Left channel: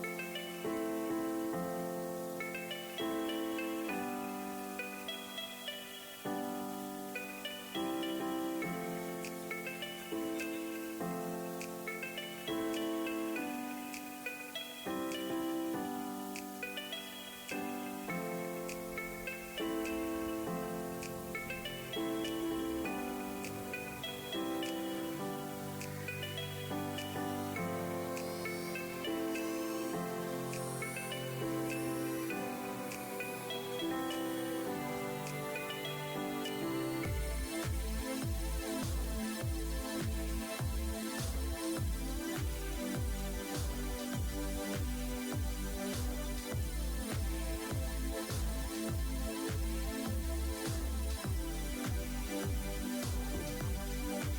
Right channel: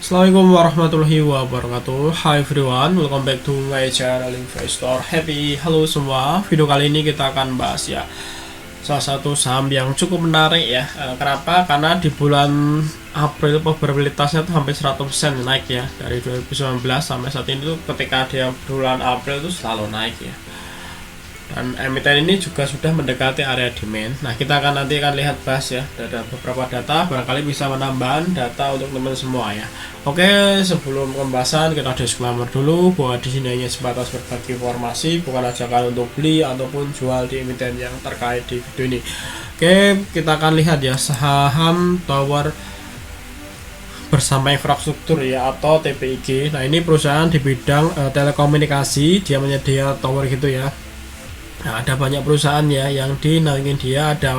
Assalamualaikum warahmatullahi wabarakatuh. Hi everyone, welcome back to my channel Investor Happy. Halo semua, video kali ini kita akan bahas ya salah satu saham yang cukup menarik ya. Kenapa? Karena di bulan April probabilitasnya tuh hampir 100% naik ya. Dari 2019 sampai saat ini tuh ketika dia bulan April itu selalu naik ya. Dan emiten ini juga sudah mendekati area demand. Nah, kita akan nanti lihat bahas ya, ada beberapa data, barangkali bisa menambahkan data untuk teman semua ya. Oke, sebelum pembahasan kita disclaimer dulu bahwa di sini hanya sebatas berbagi informasi, bukan ajakan untuk beli ataupun jual di emiten yang terkait di video ini. Oke, kita akan lihat ya saham Tower Bersama Infrastruktur ya, atau TPIG. Nah, ini perusahaan di bidang telekomunikasi, dia menyedia tower gitu ya. Nah, ada banyak perusahaan ya yang dinaungin dia, ada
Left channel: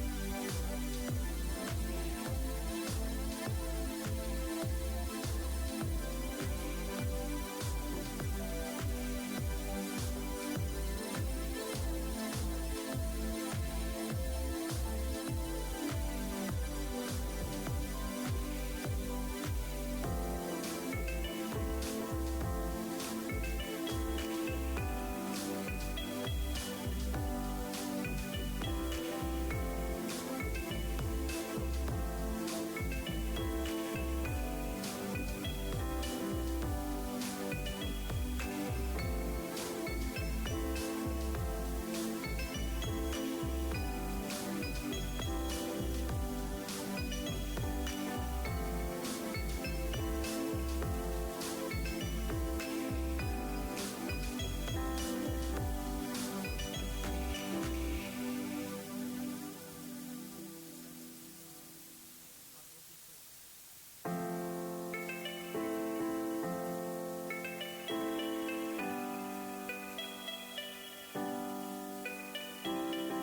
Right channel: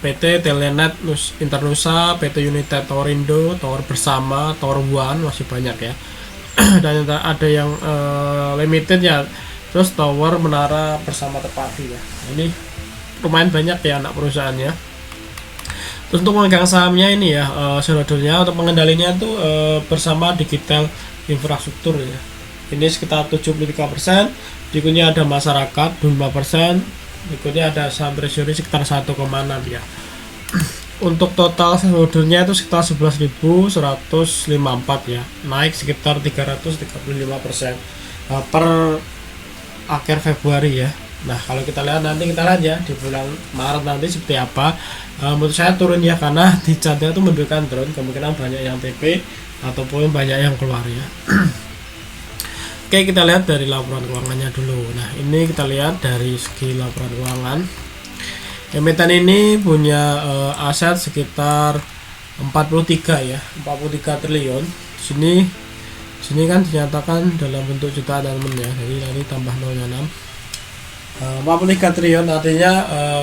PT Telenet Internusa, PT United Torindo, Tower Bersama, Tower One, masih banyak ya. Dan ada yang limited ya, terus Tower Menara Bersama Terpadu ya. Ini lumayan banyak ya anak perusahaannya. Terus untuk memegang sahamnya ini ya, shareholdernya untuk pengendalinya tuh Bersama Digital Infrastruktur ya. Ini sekitar 73%, berikutnya ada masyarakat 25%, berikutnya ada saham treasury sekitar 1,6 ya. Untuk total shareholdernya itu sekitar 11.154 ya, naik sekitar 335% per akhir Februari ya. Nah, kalau kita lihat nanti ya di bulan Maret nanti seperti apa. Menurut saya turun ya, karena di chartnya itu menunjukkan turun, kemungkinan banyak yang TP ataupun banyak yang keluar ya. Oke, kita lihat dari laporan keuangannya dulu. Nah, ini kita lihat dari segi laporan keuangan. Emiten ini punya aset sekitar 43 ya, 43 triliun. Sini kan dinyatakan dalam bentuk jutaan elemen ya. Jadi nanti tambah 0,6. 43 triliun artinya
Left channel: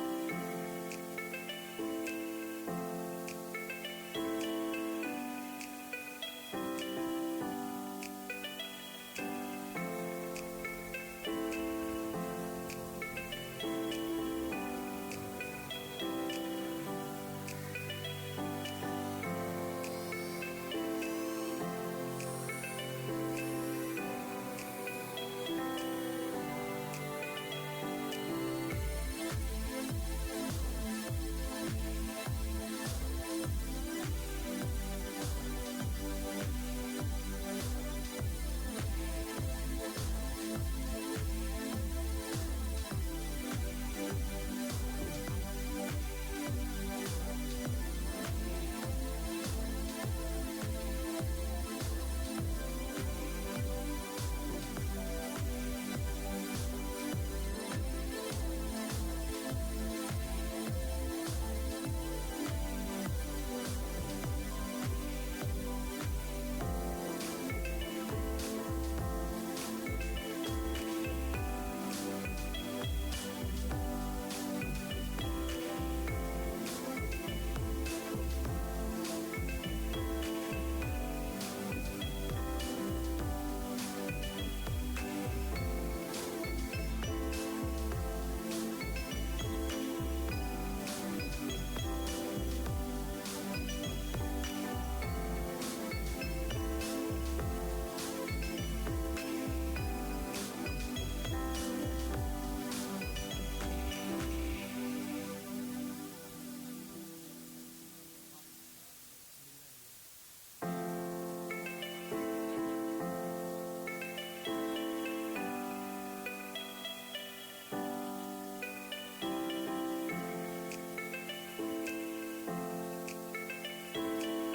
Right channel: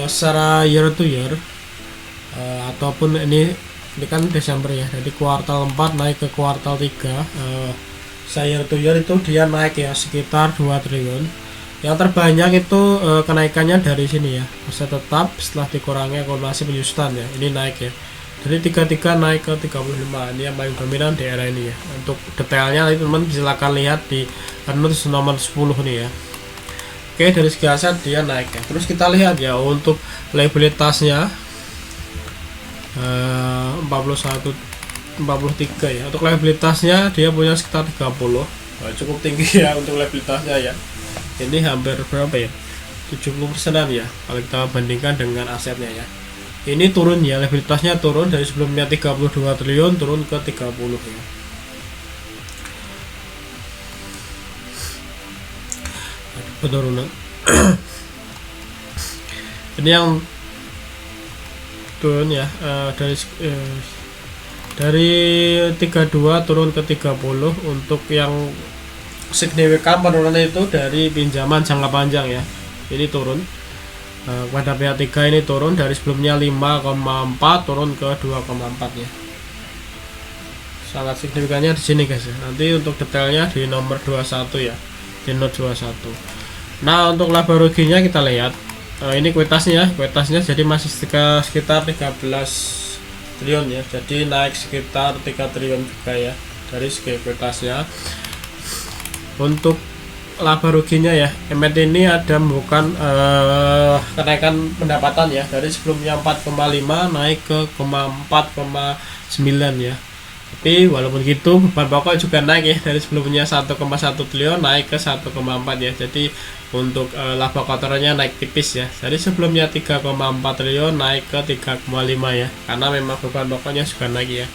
secara year to year ataupun ini kan Desember ya. Jadi kuartal 4 naik ke kuartal 3. Year to year itu dia naik ya sekitar 2 triliun. Yang terbanyak itu kenaikannya dari sini ya, aset tetap setelah dikurangi akumulasi penyusutan ya, ini naik ya. Jadi 33 naik ke 35, ini yang paling dominan di era ini ya. Untuk detailnya nanti teman silakan lihat di notes nomor 10 nih ya. Oke, dari segi aset dia naik ya. Terus kita lihat ya untuk liabilitasnya 43 ya. Untuk liabilitasnya dia punya sekitar 30. Nah, cukup tinggi ya untuk liabilitasnya ya. Ini hampir berapa ya? 70%-an ya kalau kita bandingkan dengan asetnya ya. Ini turun ya, liabilitasnya turun dari sebelumnya 32 triliun turun ke 30 ya. Penurunan. Ini yang turun ya, dari 32 turun ke 30. Untuk yang signifikan penurunan itu dari pinjaman jangka panjang ya, ini turun pada pihak 3 ini turun dari sebelumnya 5,4 turun ke 2,4 ya. Sangat signifikannya di sini guys ya. Nanti untuk detailnya di nomor 21 ya, di note 21. Nah, untuk laba ruginya kita lihat ini kuitasnya jadi masih sekitar 13 triliun ya, jadi naik sekitar 3 triliun juga ya dari segi kuitasnya. Untuk laba ruginya ya, emiten ini ada bukan kenaikan pendapatan ya, dari sebelumnya 4,5 naik ke 4,9 ya. Tapi walaupun gitu beban pokok juga naik ya, dari sebelumnya 1,1 triliun naik ke 1,4 ya. Jadi untuk laba kotorannya naik tipis ya, dari sebelumnya 3,4 triliun naik ke 3,5 ya, karena memang beban pokoknya juga naik ya.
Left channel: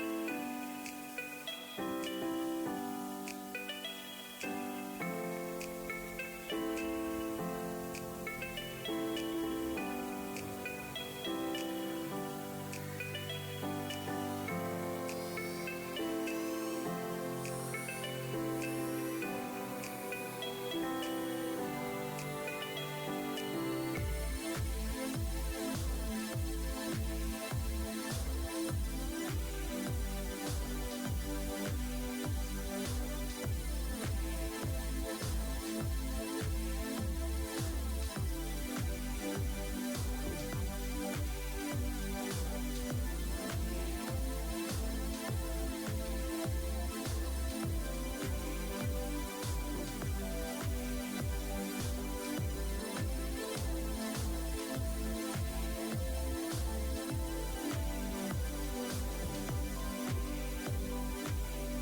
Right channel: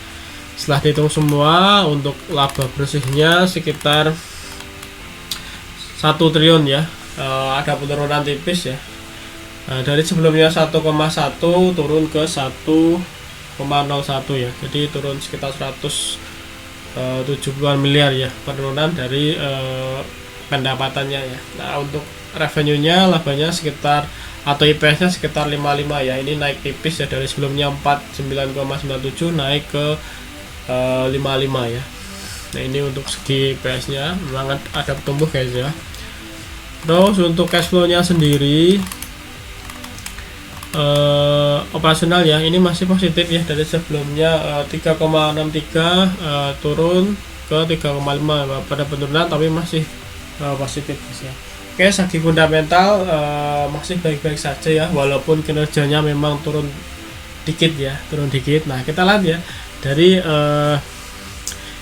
Setelah dihitung semua, untuk laba bersihnya sekitar 1 triliun ya. Ada penurunan tipis ya, dari sebelumnya 1,1 turun ke 1,01 ya, jadi turun sekitar 170-an miliar ya penurunan dari pendapatannya ya. Nah, untuk revenue-nya, labanya sekitar atau IPS-nya sekitar 55 ya. Ini naik tipis ya, dari sebelumnya 49,97 naik ke 55 ya. Nah, ini untuk segi IPS-nya memang ada tumbuh guys ya. Terus untuk cash flow-nya sendiri operasional ya, ini masih positif ya, dari sebelumnya 3,63 turun ke 3,5 pada penurunan, tapi masih positif ya. Oke, segi fundamental masih baik-baik saja ya, walaupun kinerjanya memang turun dikit ya, turun dikit. Nah, kita lihat ya dari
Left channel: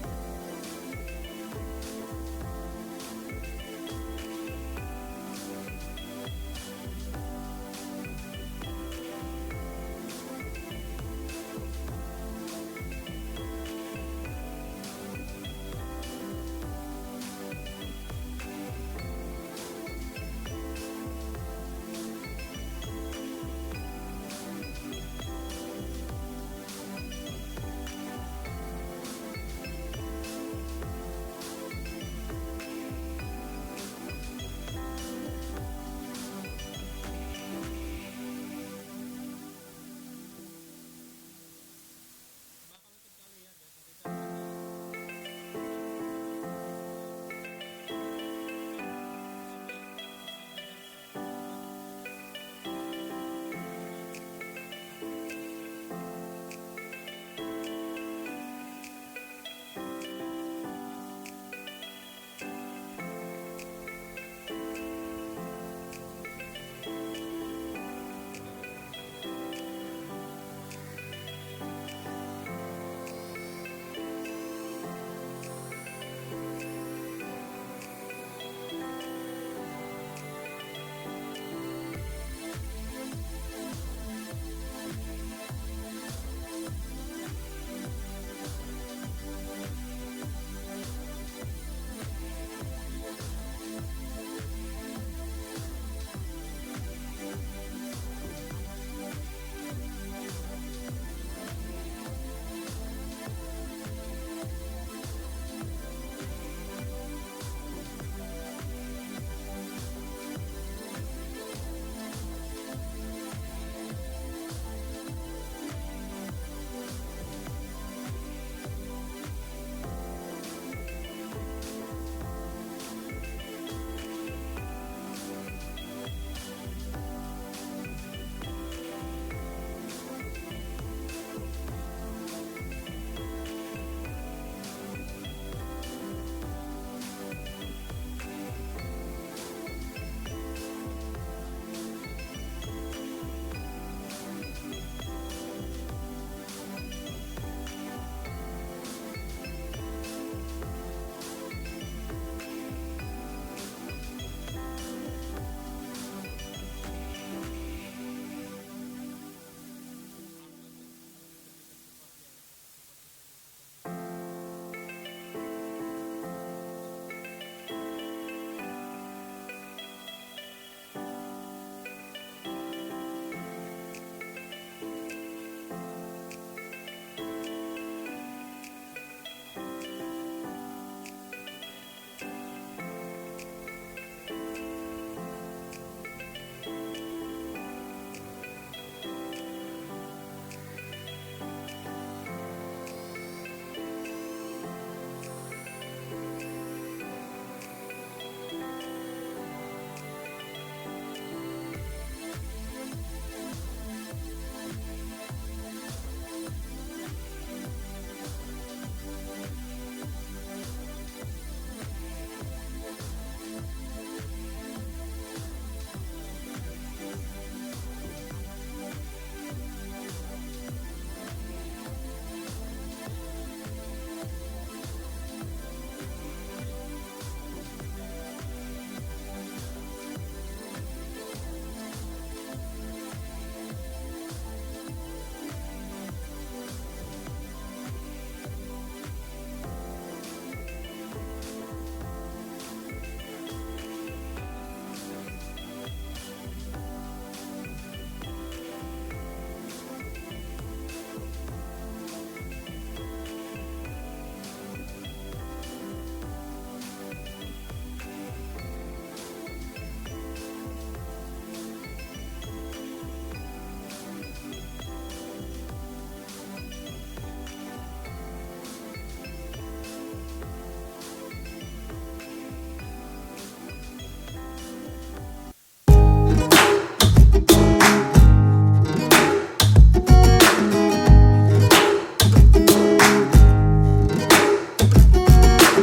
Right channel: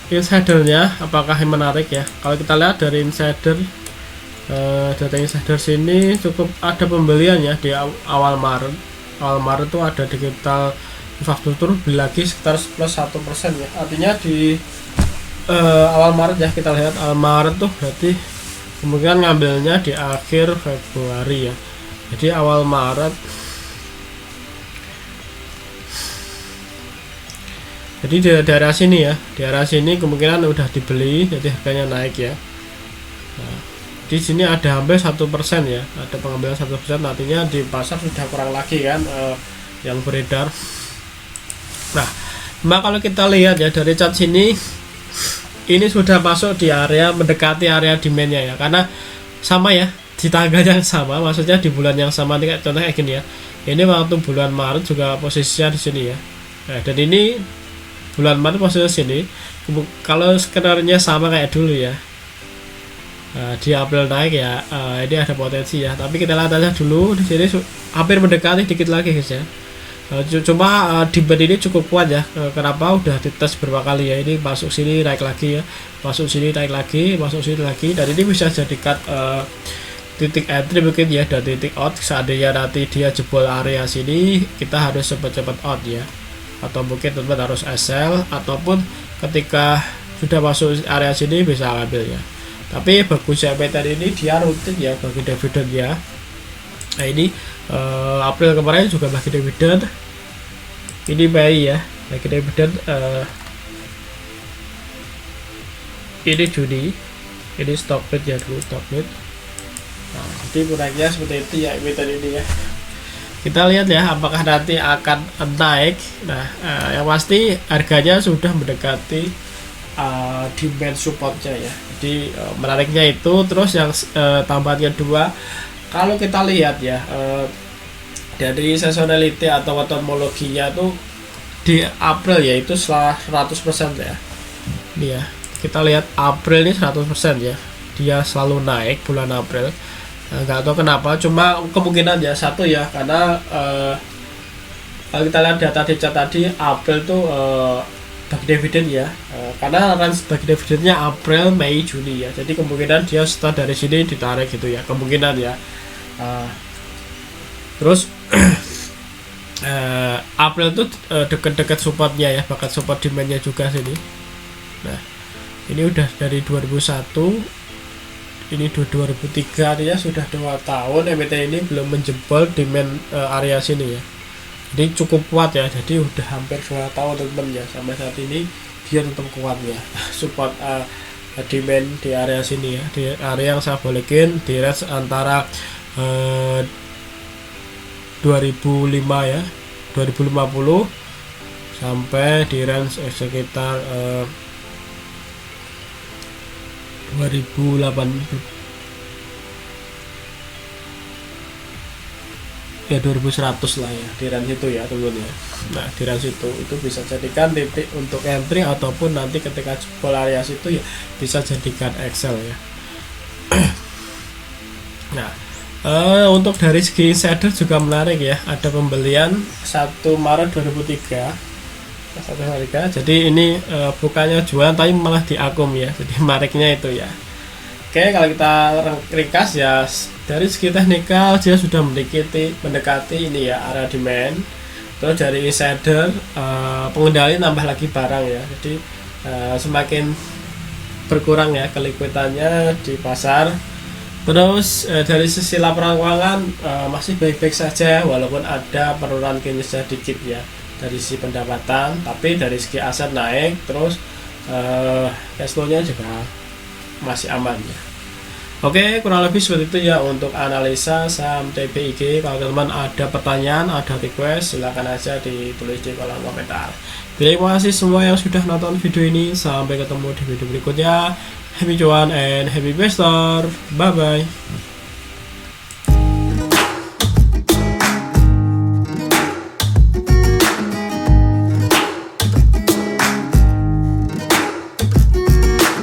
insidernya apakah yang menarik ya. Kalau kita lihat dari insider, data insider sini cukup ada pembelian ya di awal Maret. Awal Maret tuh ada digital infrastruktur beli lagi sekitar plus 1% ya. Artinya di awal Maret ya, kita lihat awal Maret tuh berarti kemungkinan ngambilnya di akhir Februari ya. Jadi awal Maret, jadi di daerah sini ya, di daerah sini kemungkinan udah dibeli, jadi harganya naik ya. Nah, di sini ada hampir 1% ya, ada pengambilan 1%, artinya di pasar sudah kurang lagi kan yang beredar. Nah, kalau kita lihat ya dari chart sini, ini sudah masuk di area mendekati area demandnya ya, karena sama ya, di tanggal yang sama, maksudnya di bulan yang sama. Ini contohnya kayak gini ya, ini waktu bulan Maret juga posisinya di sini ya. Nah, dan ini bulan Maret posisinya sini, kalau skenarnya sama kayak dulu ya, di April naik ya, ini ada potensi ya, tapi kita lihat aja dulu di sini hampir mendekati dikit lagi guys ya. Cuma demand ini cukup kuat ya. Kenapa? Udah dites berapa kali ya, ini masuk sini naik lagi ya, masuk sini naik lagi, masuk sini lagi, dan ini bisa jadikan titik entry mungkin ya, dan titik out. Seandainya nanti dia jebol area sini, kita harus cepat-cepat out ya, atau mungkin teman harus sell, ataupun ketika sudah masuk area sini bisa ambil ya. Tapi bagusnya pattern ini dia rutin ya bagi dividen ya. Nah, ini April kemarin juga bagi dividen, ini Mei ya bagi dividen, ini Juni, ini stock bid ya dulu, stock bid. Nah, jadi kurangnya seperti itu ya pattern ini ya. Kita lihat ya apakah nanti akan naik. Nah, yang pasti harganya sudah mendekati demand supportnya ya. Jadi menariknya itu. Terus yang tambahan kedua, kalau kita lihat ya dari seasonality atau metodologinya tuh di April ya itu 100% ya. Ini ya, kita lihat April ini 100% ya, dia selalu naik bulan April. Nggak tahu kenapa, cuma kemungkinan ya satu ya, karena kalau kita lihat data di chart tadi, April tuh bagi dividen ya, karena range bagi dividennya April, Mei, Juni ya, jadi kemungkinan dia start dari sini ditarik gitu ya, kemungkinan ya. Terus April tuh deket-deket supportnya ya, bahkan support demandnya juga sini. Nah, ini udah dari 2001, ini 2003, artinya sudah 2 tahun MT ini belum menjebol demand area sini ya. Jadi cukup kuat ya, jadi udah hampir 2 tahun teman ya, sampai saat ini dia tetap kuat ya, support demand di area sini ya, di area yang saya balikin di range antara 2005 ya, 2050 sampai di range sekitar 2008 ya, 2100 lah ya, di range itu ya teman ya. Nah, di range itu bisa jadikan titik untuk entry, ataupun nanti ketika jebol area itu ya bisa jadikan Excel ya. Nah, untuk dari segi insider juga menarik ya, ada pembelian 1 Maret 2003, jadi ini bukannya jualan tapi malah diakum ya, jadi mariknya itu ya. Oke, kalau kita ringkas ya, dari segi teknikal dia sudah mendekati ini ya area demand. Terus dari insider, pengendali nambah lagi barang ya, jadi semakin berkurang ya kelikuitannya di pasar. Terus dari sisi laporan keuangan masih baik-baik saja, walaupun ada penurunan kinerja dikit ya dari sisi pendapatan, tapi dari segi aset naik, terus cash flow-nya juga masih aman ya. Oke, kurang lebih seperti itu ya untuk analisa saham TPIG. Kalau teman-teman ada pertanyaan, ada request, silahkan aja ditulis di kolom komentar. Terima kasih semua yang sudah nonton video ini. Sampai ketemu di video berikutnya. Happy cuan and happy investor. Bye bye.